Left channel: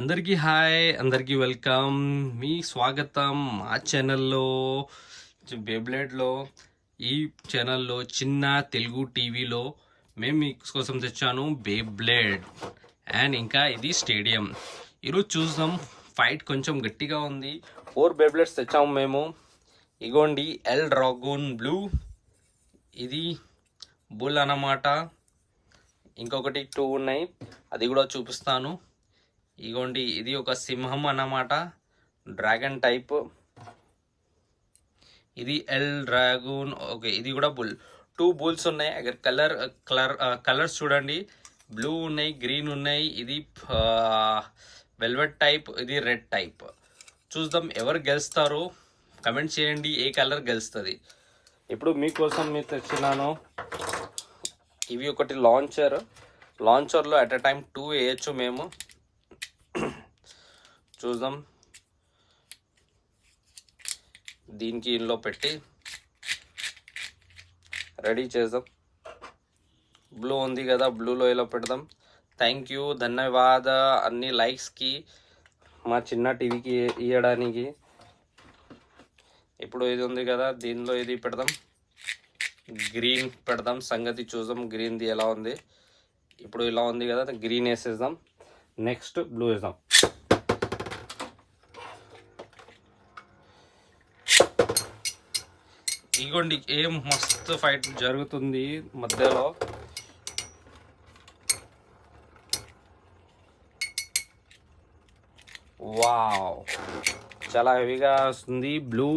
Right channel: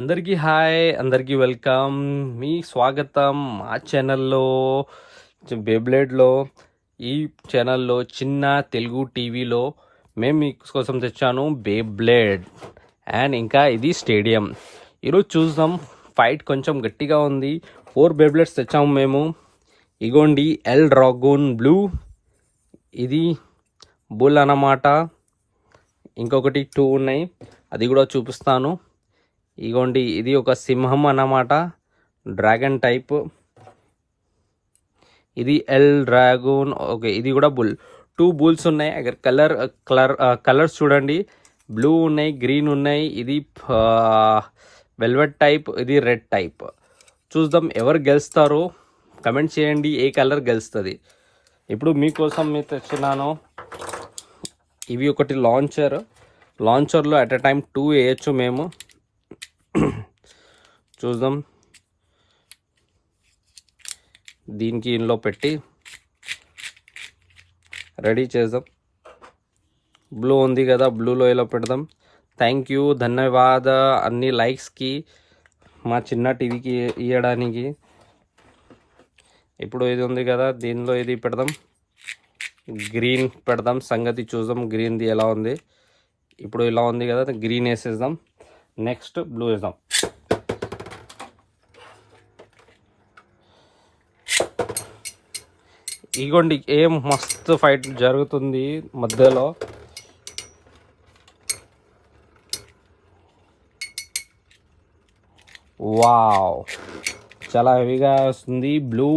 అందరికీ హాయ్, అందరికీ వెల్కమ్. మీ స్వాగతం మా ఛానల్లో బేబ్లేడ్లో. ఈ ఛానల్లో చిన్న తెలుగు టీవీలో మేము మీకోసం తెచ్చాను బేబ్లేడ్ అండ్ ఇంకా ఇది స్టేడియం. ఈరోజు చూద్దాం. ఫైట్ కొంచెం గట్టిగా ఉంది. 4 బేబ్లేడ్స్ తెచ్చాము మేము. ఇగోండి ఎల్ డ్రాగన్ బ్లూ, ఇది బుల్ అన్నమాట. ఇంకొకటి 2 ఉన్నాయి, అది కూడా చూపిస్తాను. ఇగోండి ఇది ఒక సింహం అన్నమాట, డ్రాగన్ టైప్. ఇది ఎల్ డ్రాగన్. ఓకే, ఇది కూడా బుల్. 2 బుల్స్ ఉన్నాయి. అక్కడ కలర్స్ చూడండి, బ్లూ ఉన్నాయి, గ్రీన్ ఉన్నాయి. ఇది వెల్వెట్ టైప్, ఇది రెడ్ టైప్. చూద్దాం ఎవరు గెలుస్తారో కమెంట్ చేయండి, ఏ కలర్ గెలుస్తుంది. ఇప్పుడు మీకోసం మీరు తెచ్చినాను. ఇవి ఒకటి లాంచర్లో అట్ ఎ టైం 2 వేయచ్చు మేము. చూద్దాం. దీనికి ఇంట్లో పెట్టి రెడీ చేద్దాం. బ్లూ ఉంది కదా, బ్లూలో ఇలా పెడదాం. థ్యాంక్ యూ, ధన్యవాద అన్ని లైక్స్కి, మా చిన్న టీవీకి ఇవ్వడానికి. ఇప్పుడు ఇది ఉంది కదా, దీనిలో ఇది పెడదాం. గ్రీన్ పెడదాం, సంగతి చూద్దాం గ్రీన్ది ఎలా ఉంది. ఇప్పుడు ఇలా ఉంది కదా, గ్రీన్ వేసేద్దాం. నెక్స్ట్ బ్లూ వేద్దాం. ఇగోండి ఏం మస్తు ఫైట్ జరుగుతుంది మధ్యలో. వావ్, చాలా హెవీగా వస్తుంది. Blue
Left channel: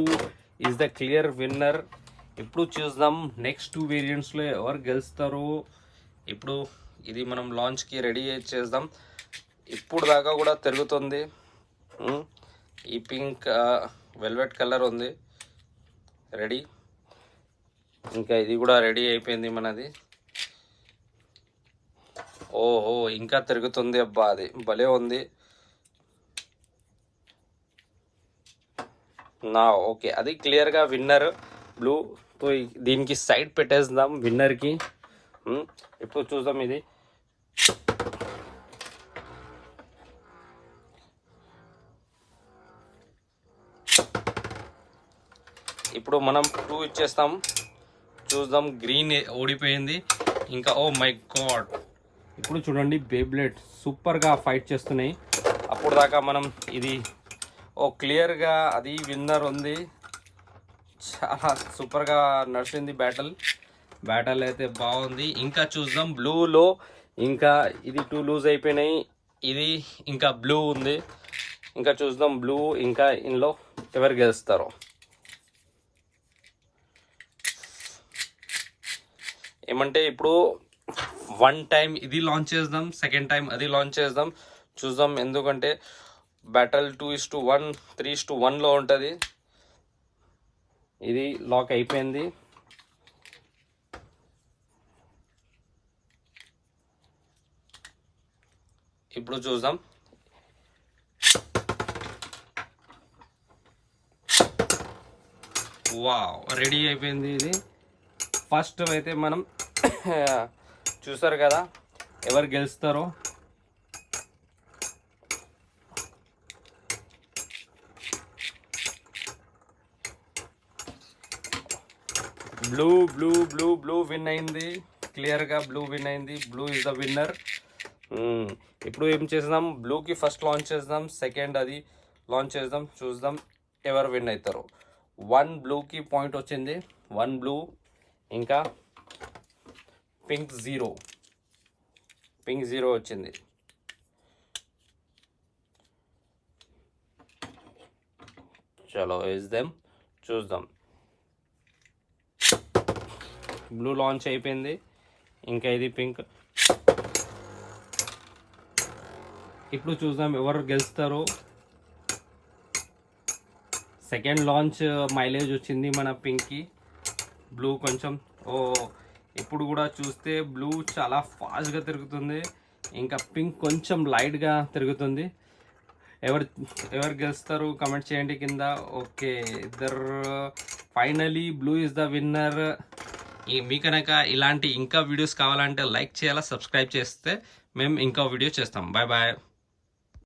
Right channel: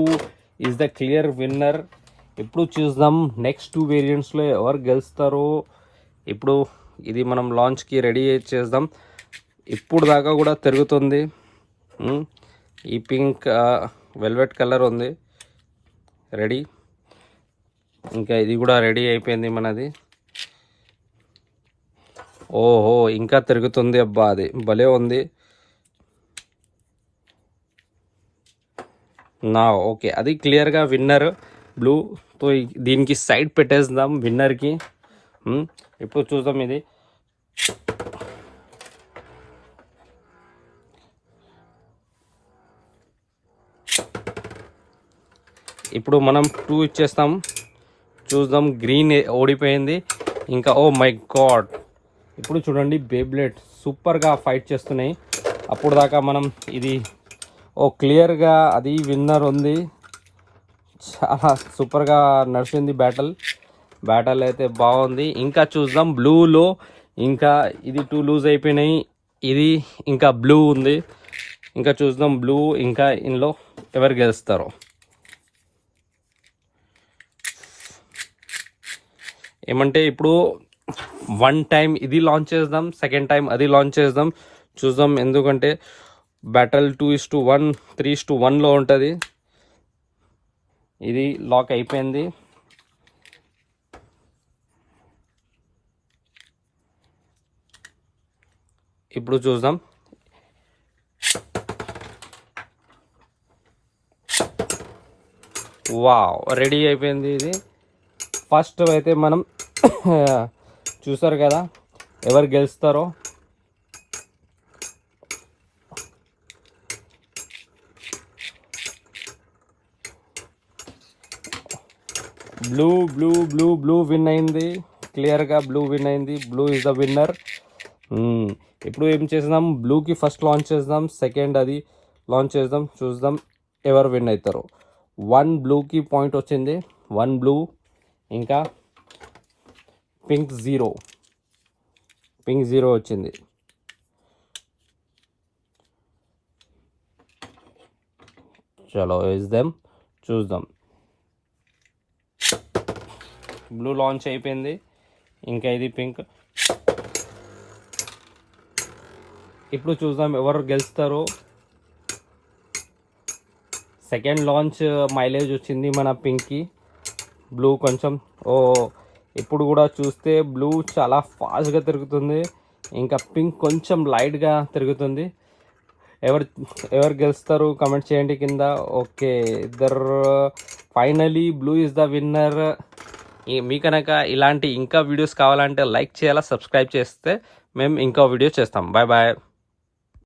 is the clear winner. ఇప్పుడు చూద్దాం నెక్స్ట్ 2 వేరియంట్స్లో ఎవరు గెలుస్తారో. ఇప్పుడు ఇది మనం లాంచ్కి రెడీ చేద్దాం. ఇప్పుడు దాకా కూడా తిరుగుతుంది. ఈ పింక్ వెల్వెట్ కలర్ ఉంది రెడీ. ఇంకా ఇది కూడా రెడీ అయిపోయింది మనది. ఓహో, ఇంకా తిరుగుతుంది. అబ్బా, అది భలే ఉంది. ఓకే, అది క్లియర్గా విన్నర్ బ్లూతో. దీనికి సైడ్ పెట్టేద్దాం విన్నర్కి. ఇప్పుడు చూద్దాం. ఇది ఇప్పుడు మనం 2 ఇచ్చేస్తాం. చూద్దాం. గ్రీన్ ఓడిపోయింది. ఇంకా ఓ మై గాడ్, ఇప్పుడు చూడండి బేబ్లేడ్ సూపర్గా ఫైట్ చేస్తున్నాయి. అప్పుడు దాకా మనం ఇది క్లియర్గా అది విన్నర్ ఉంది. చాలా సూపర్గా నడిచింది బ్యాటల్ అయితే బాగుంది. ఇంకా చూద్దాం బ్లూలో. ఇంకా ఇది 2 లూజ్ అయిపోయినాయి. ఇది ఇంకా బ్లూ ఉంది. ఇంకా చూద్దాం బ్లూ ఇంకా ఇందులో ఎవరు గెలుస్తారో. ఏమంటే ఇప్పుడు 1 టైం ఇది లాంచ్ చేద్దాం, సెకండ్ టైం అది లాంచ్ చేద్దాం. చూద్దాం, ఎందుకంటే బ్యాటల్ 2:1 3:1లో ఉంటుంది. ఇది లాక్ అయిపోయింది. ఇప్పుడు చూద్దాం. వావ్, రెడీ అయిపోయింది. ఇది ఫస్ట్ అయితే మనం చూసారు కదా ఎవరు గెలుస్తారో. బ్లూ విన్ అయింది. క్లియర్గా బ్లూ విన్ అయింది. Blue is the winner. ఇప్పుడు ఏం చేద్దాం, బ్లూకి ఫస్ట్ లాంచ్ చేద్దాం, సెకండ్ అది లాంచ్ చేద్దాం. చూద్దాం ఎవరు విన్ అవుతారో. 1 బ్లూకి పాయింట్ వచ్చింది, 1 బ్లూ. ఇంకా పింక్ 0 వచ్చింది. చలో వేద్దాం, చూద్దాం. బ్లూ లాంచ్ అయిపోయింది. ఇంకా ఇది పింక్. ఇప్పుడు చూద్దాం ఎవరు గెలుస్తారో. సెకండ్ లాంచ్ మైలేజ్ వచ్చింది మన పింక్కి. బ్లూ కొంచెం ఇప్పుడు కూడా చూస్తే బ్లూ చాలా ఫాస్ట్గా తిరుగుతుంది. ఇంకా పింక్ కొంచెం లైట్గా తిరుగుతుంది. ఎవరు గెలుస్తారు కమెంట్ చేయండి కింద. Okay, finally blue is the winner. మీ కనుక ఇలాంటి ఇంకా వీడియోస్ కావాలంటే లైక్ చేయాలా, సబ్స్క్రైబ్ చేస్తే మేము ఇంకో వీడియో చేస్తాం. Bye bye.